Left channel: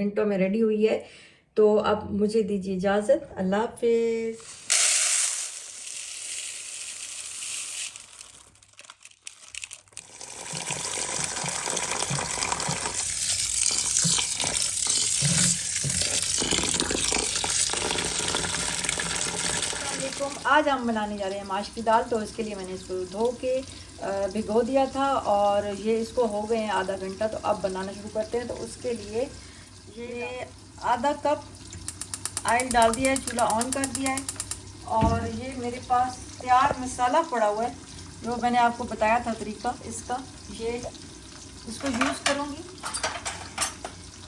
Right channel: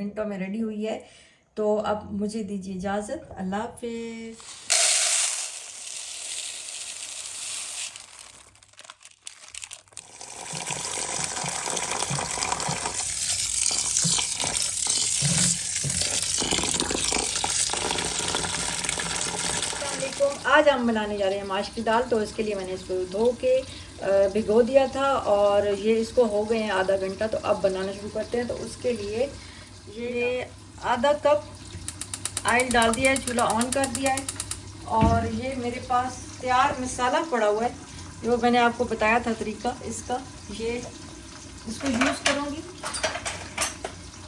मिनटों में रेडी हुई है। तो अब मुझे दीजिए इजाज़त, अल्लाह हाफिज़। आज हम बनाने जा रहे हैं माश की दाल। तो इसके लिए मैंने इसको धो के भिगो दिया था और ये इसको हो गए हैं आधा घंटा। तो अब बनाना शुरू करते हैं। तो उसके लिए ये आधा कप ऑयल डाल दिया है, चूल्हा ऑन कर दिया है और ये मेरे पास तैयार मसाला पड़ा हुआ है जो मैंने आपको बताया था तरीका इसका। ये इसको यूज़ करूँगी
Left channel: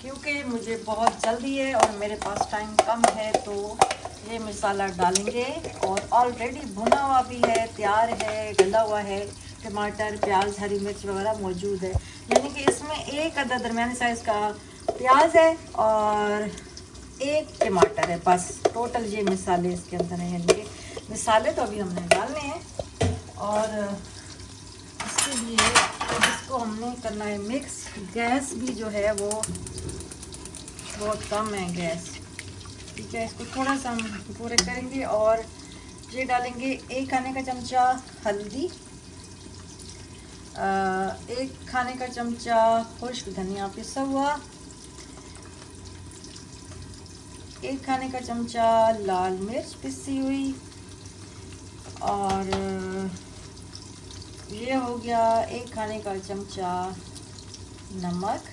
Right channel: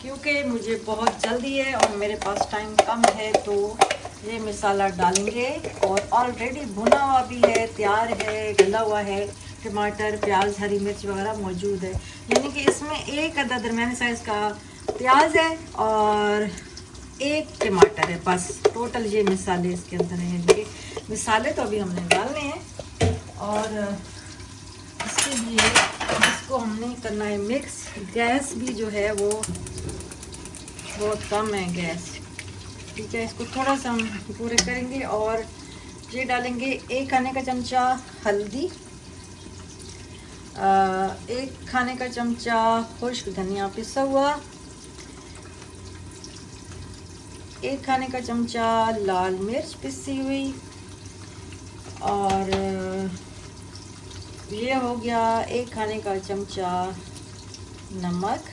क्योंकि मुझे बहुत जल्दी है और मेरे पास टाइम कम है। तो ये मसाला डालेंगे और ऑलरेडी भुना हुआ भी है, तैयार है, गला हुआ है। टमाटर, प्याज, हरी मिर्च वगैरह मौजूद है। यानी कि इसमें एक अदद दरमियाने साइज़ का प्याज है और एक टमाटर है, बस टोटल ये मसाले इसके अंदर हैं। ये मसाले तो अभी हमने डालने हैं और इसके लिए इसको हमने करना है मिक्स। गैस भी जो है वो बहुत कम है गैस, ठीक है। इसको थोड़ा सा हम पूरे करेंगे और ये डालेंगे 1 खाने का चमचा हल्दी, 1 खाने का चमचा खुश्क धनिया पिसा हुआ, 1 खाने का चमचा लाल मिर्च पिसी हुई और ये हो गया 1 खाने का चमचा नमक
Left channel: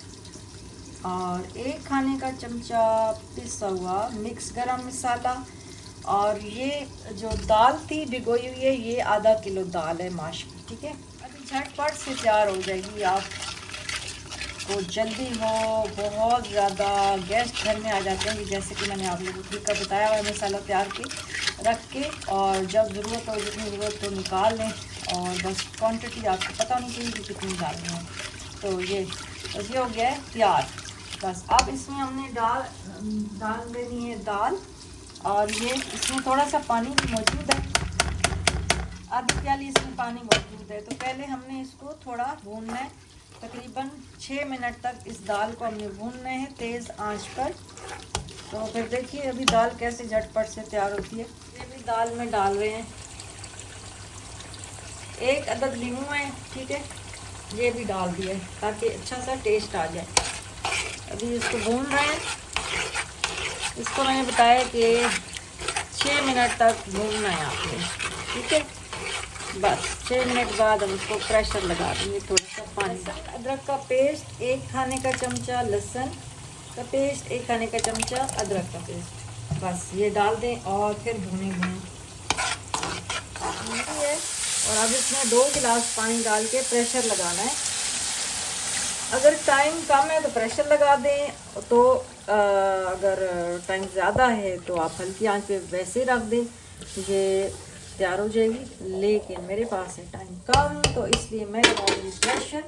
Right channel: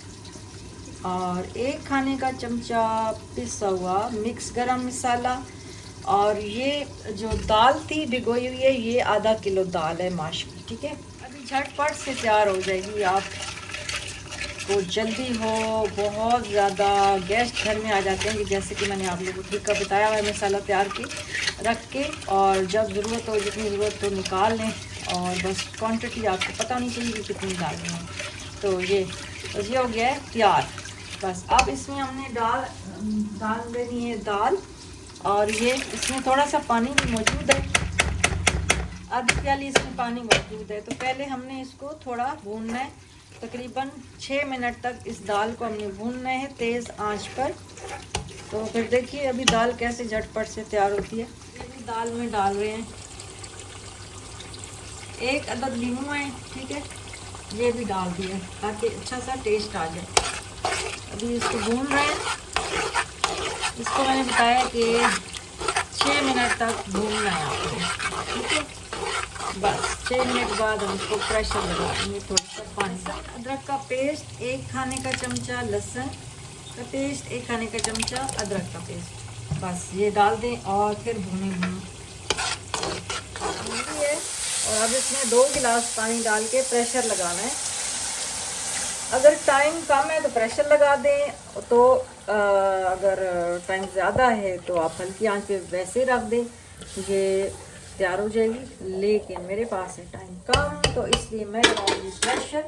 और 1 खाने का चमचा पिसा हुआ मिक्स गरम मसाला। और ये जो दाल थी भिगोई हुई है, ये आधा किलो दाल है माश की, ठीक है। अभी झटपट से तैयार हो जाएगी। आपको जल्दी हो, बहुत ज़्यादा गेस्ट घर में आ जाते हैं कि जैसे कि मैंने आप लोगों को तरीका बताया हुआ है, मसाला तैयार के रख के और जब ज़रूरत हो, जितनी ज़रूरत हो निकाल लें और बस क्वांटिटी आपको पता नहीं चाहिए कि कितनी डालनी है। तो ये हो गया है तैयार। बस अब इसमें हमने डाल देनी है दाल और ये इसमें थोड़ा सा पानी भी मौजूद है, आधी प्याली इसमें पानी मौजूद है। तो पहले हमने इसको थोड़ा भूनना है, तकरीबन 6 मिनट तक इस दाल को हमने भूनना है तेज़ आंच पर। तो फिर देखिए अभी दाल कैसे झटपट से तैयार होती है। अभी दाल में डाल रहे हैं 1 अदद लीमू है, ठीक है, ये भी डाल दिया है ताकि अच्छा सा टेस्ट आ जाए। अभी इसको भूनना है। इसको मैंने बताया कि 6 मिनट तक भूनना है आपको, ठीक है। बस 6 मिनट बाद हम इसको प्रेशर लगा देंगे थोड़ा सा पानी। अदरक का पेस्ट 1 खाने का चमचा, लहसुन का पेस्ट 1 खाने का चमचा, अदरक का पेस्ट, बस ये डाल दें और फिर भुने है। और अब इसमें 2 गिलास पानी डाल के प्रेशर लगाना है। अगर टाइम कम है तो प्रेशर लगा दें, तो अगर टाइम ज़्यादा है तो आप हल्की आंच पे वैसे रख दें, ये तैयार हो जाएगी। लेकिन मेरे पास है टाइम कम तो इसलिए मैं लगाऊंगी प्रेशर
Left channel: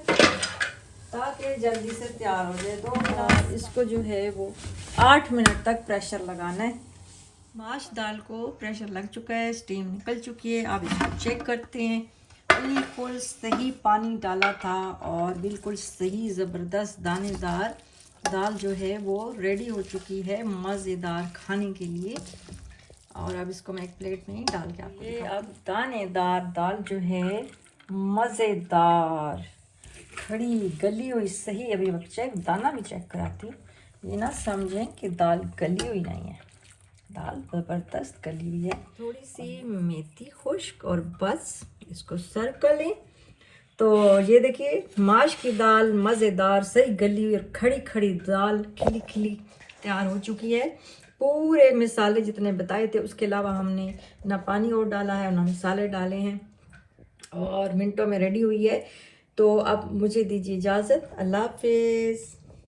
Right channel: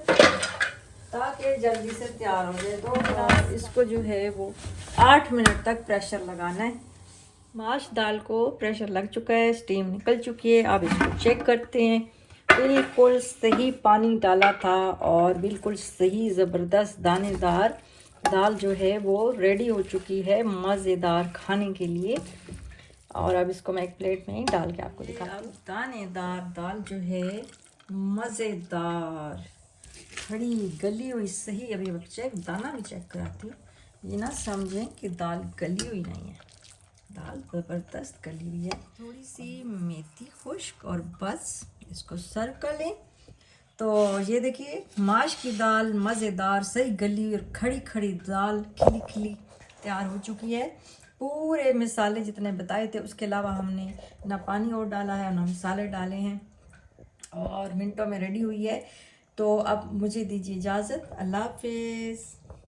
ताकि जल्दी से तैयार हो जाए। तो इसको जो है वो 8 मिनट तक प्रेशर लगाना है। माश दाल को प्रेशर लग चुका है, स्टीम निकल चुकी है। अब इसको चेक करते हैं। बिल्कुल सही पानी डाला था और बिल्कुल सही ज़बरदस्त दानेदार दाल जो है वो रेडी हो चुकी है मज़ेदार खाने के लिए। और अब इसको मैं एक प्लेट में ही डाल के आपको दिखाती हूँ। अब दानेदार दाल जो है मज़ेदार खड़ी गली हुई सही। अभी चेक दाना भी चेक कराती हूँ, ये ना समझें कि दाल गली हुई नहीं है, दाल ज़बरदस्त गली हुई है। थोड़ी सी मेथी खुश्क और बस इसको सर्व कर लें। तो ये देखिए माश की दाल मज़ेदार सही गली हुई और खड़ी खड़ी दाल खिली खिली तैयार हो चुकी है। पूरे मसाले जितने बताए थे उसके अलावा हमने ना पानी और डाला है ना मसाले डाले हैं और मिनटों में रेडी हुई है। तो अब मुझे दीजिए इजाज़त, अल्लाह हाफिज़।